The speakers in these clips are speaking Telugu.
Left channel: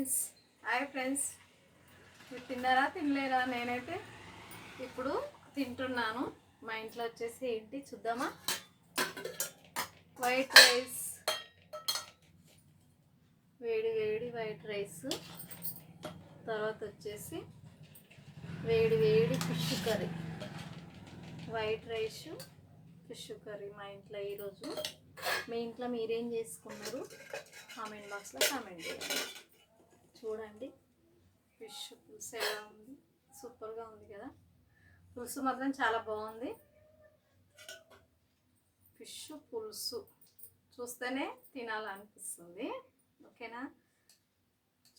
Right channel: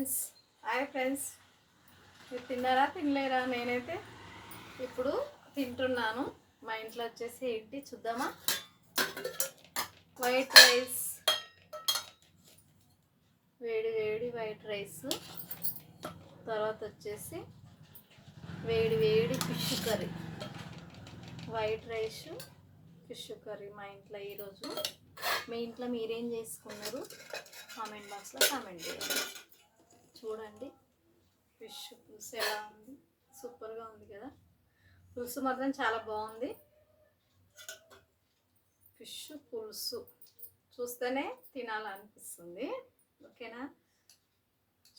Friends, hi friends. మీరు తిన్నారా తినలేరా? నేనైతే ఇప్పుడు తింటున్నాను. మా ఇంట్లో వచ్చేసి ఏంటి చూద్దామా? వైట్ రైస్, వేడి వేడి వైట్ రైస్. తర్వాత వచ్చేసి వేడి వేడి fish curry. White rice, fish curry మా ఇంట్లో ఈరోజు. మీ ఇంట్లో మీరేం చేసుకున్నారు? కామెంట్ బాక్స్లో కామెంట్ చేయండి. చూడండి ఫిష్ పులుసు ఎలా ఉంది, సూపర్గా ఉంది కదా. పులుసు మాత్రం చాలా బాగుంది. ఫిష్ పులుసు చూస్తేనే తినాలనిపిస్తుంది. ఓకేనా?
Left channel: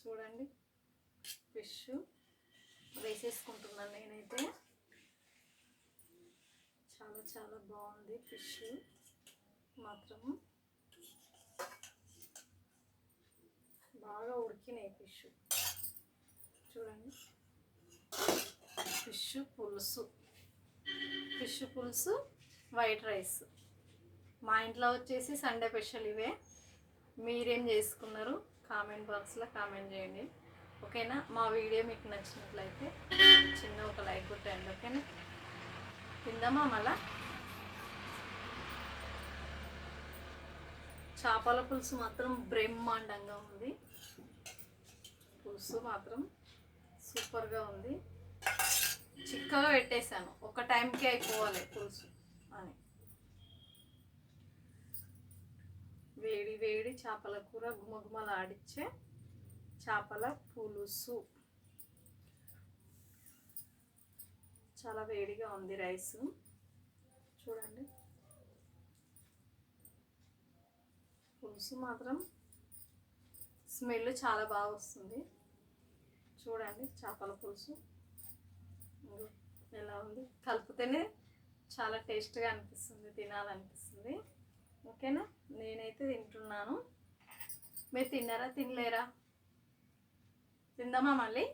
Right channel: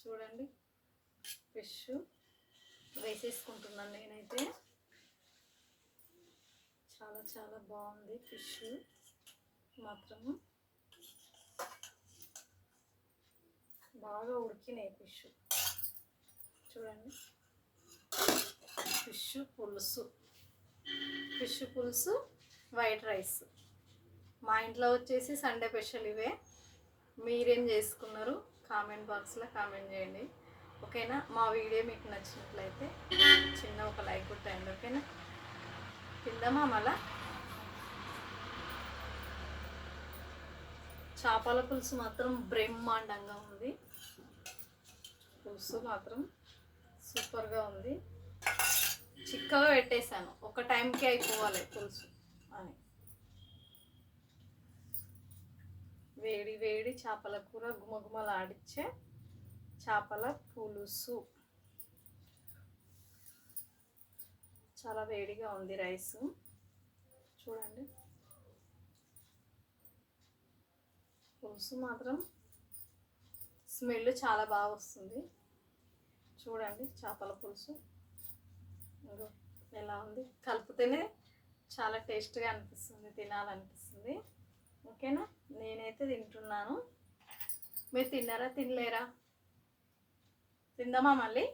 చూడండి ఫిష్ వేసేసుకుంటున్నాను నేనైతే. చాలా చాలా బాగుంది ఫిష్ మాత్రము. బాగా ఉడికినాయి ఫిష్. చూడండి ఫిష్ పులుసు, ఫిష్ పులుసు వైట్ రైస్. మా ఇంట్లో వచ్చేసి సండే స్పెషల్ ఇవే. మీరేం చేసుకున్నారు? కామెంట్ బాక్స్లో కామెంట్ చేయండి. ఓకేనా? మా వీడియో మీకు నచ్చినట్లయితే చిన్న ఒక లైక్ కొట్టండి. ఓకేనా? తిందామా మళ్ళా? చేపల పులుసు మాత్రం బ్రహ్మాండంగా ఉంది. పులుసు మాత్రం సూపర్గా ఉంది. చిక్కగా పెట్టేశాను, ఒక టైంకి అయిపోవాలి పులుసు అని. వేడి వేడి చేపల కూర, గుమగుమలాడిచ్చే చేపల పులుసు. చాలా వేడిగా ఉంది రైసు. చూడండి పులుసు మాత్రం స్మెల్ చాలా బాగా వస్తుంది. చూడండి చేపల పులుసు ఎలా ఉంది. కలిపితేనే చాలా టేస్ట్గా అనిపిస్తుంది, తినాలనిపిస్తుంది. ఓకేనా? నేనైతే తింటున్నాను. మీరు తిన్నారా తినలేరా? తిందామా మళ్ళీ?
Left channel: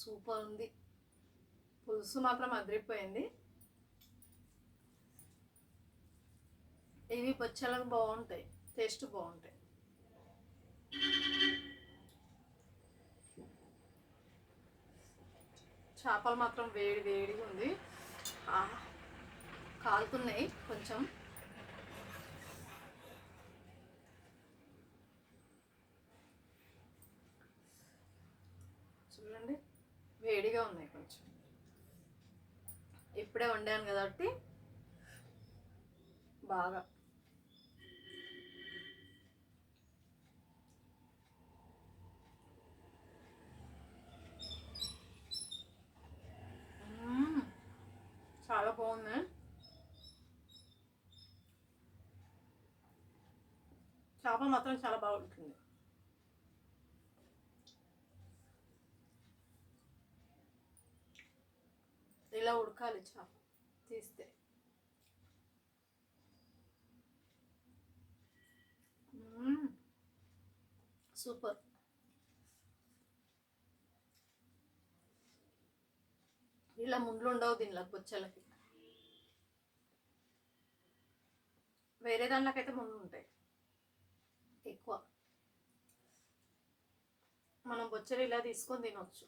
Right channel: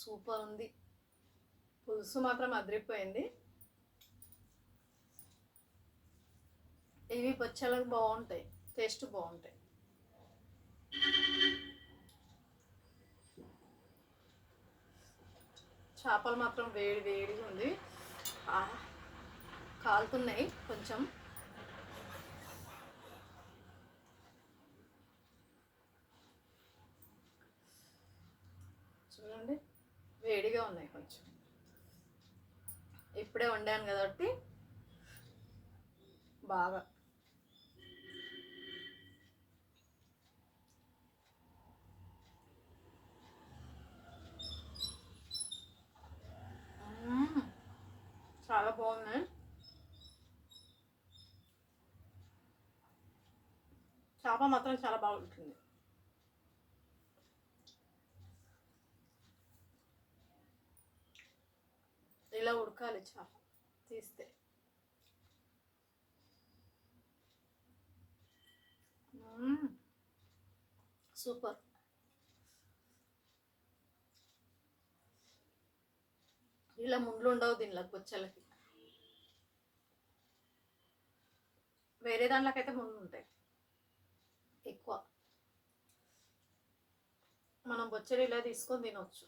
సూపర్ ఉంది. పులుసు మాత్రం అదిరిపోయింది. ఇవి పచ్చళ్ళకు బాగుంటాయి, టేస్ట్ బాగుంటాయి. చేపలు మాత్రం వేడి వేడిగా ఉంది. కాలుతున్నాయి కొంచెం. చూడండి వేడిగా ఉన్నాయి కొంచెం. ఇప్పుడే వండాను కాబట్టి బాగా. చాలా బాగున్నాయి. చేప మాత్రం చాలా బాగుంటుంది. ఇలా ఉడకాలి చేప తీస్తే. సూపర్. ఇలా ముండ్లు ఉండవు దీనిలో బొచ్చలకి. వేరే దాంట్లోకైతే ముండ్లు ఉంటాయి ఎక్కువ. మనం బొచ్చలు ఇలా తీసుకొని తినవచ్చు.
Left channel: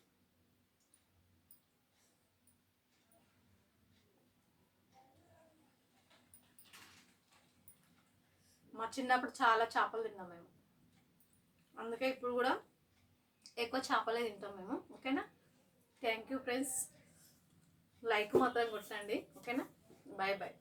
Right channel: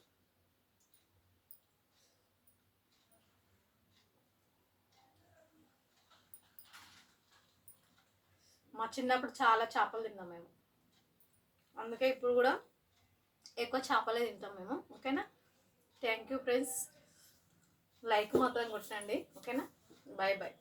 మా చిన్నప్పుడు చాలా చేపలు తిన్నాం మేము, అందుకే ఇప్పుడు కూడా ఎక్కువ చేపలే తింటాం మేము. ఓకేనా? Thank you friends. లైక్ మాత్రం కొట్టండి. ఓకేనా? Bye bye.